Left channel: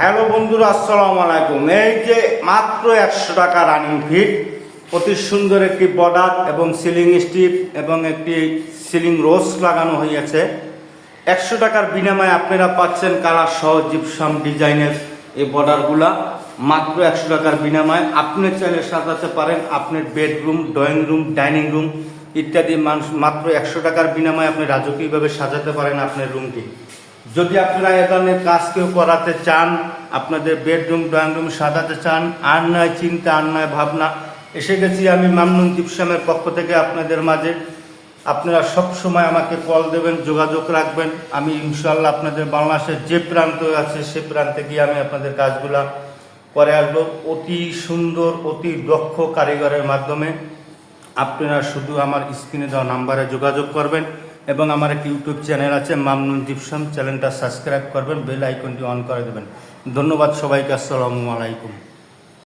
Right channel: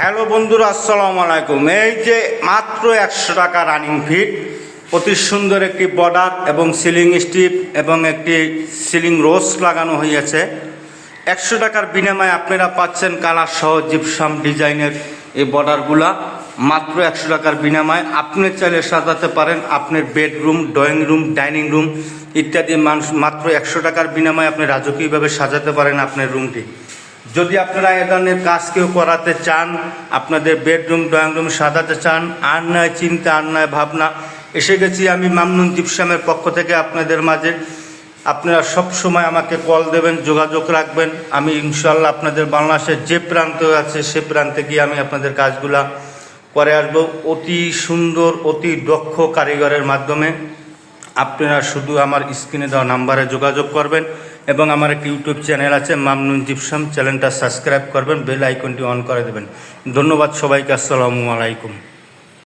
Hello বন্ধুরা, আসসালামু আলাইকুম। এই যে মাত্র 100 টাকা রানিং ফিট, অতি সুন্দর একটি বর্ডার এবং সিলিং স্ট্রিপ এবং একটি সিলিং রোজ লাগানো হয়েছে। 100 টাকার বিনিময়ে আপনারা পাচ্ছেন কালার সহ জিপসাম ডিজাইনের এই বর্ডারগুলা। মাত্র 100 টাকার বিনিময়ে আপনি চাইলে সাজাতে পারেন আপনার bedroom, drawing room, dining room ইত্যাদি। মাত্র 100 টাকার বিনিময়ে আপনি রাজকীয়ভাবে সাজাতে পারেন আপনার রুমটি। যদি আপনারা এ ধরনের কাজ কেউ করাতে চান, আপনাদের বেডরুম, ড্রয়িং রুম সাজাতে চান, আর নয় চিন্তা, আর নয় ভাবনা, এসে গেছি আমি মামনুন জিপসামের পক্ষ থেকে আপনাদের মাঝে। আপনারা সব সময় আমাকে কল দেবেন, যোগাযোগ রাখবেন। আমি ইনশাল্লাহ আপনাদের বাংলাদেশের যে প্রান্তে আছে সে প্রান্তে গিয়ে আমি আপনাদের কাজগুলা করে আসবো অতি সুন্দর, অতি দক্ষ কারিগরের মাধ্যমে। আপনারা শুধু আমার স্ক্রিনে দেওয়া নাম্বারে যোগাযোগ করবেন এবং আমার একটি ইউটিউব চ্যানেল আছে মামনুন জিপসাম, চ্যানেলটা সাবস্ক্রাইব করবেন, বেল আইকনটি অন করে দেবেন। ধন্যবাদ সবাইকে, আসসালামু আলাইকুম।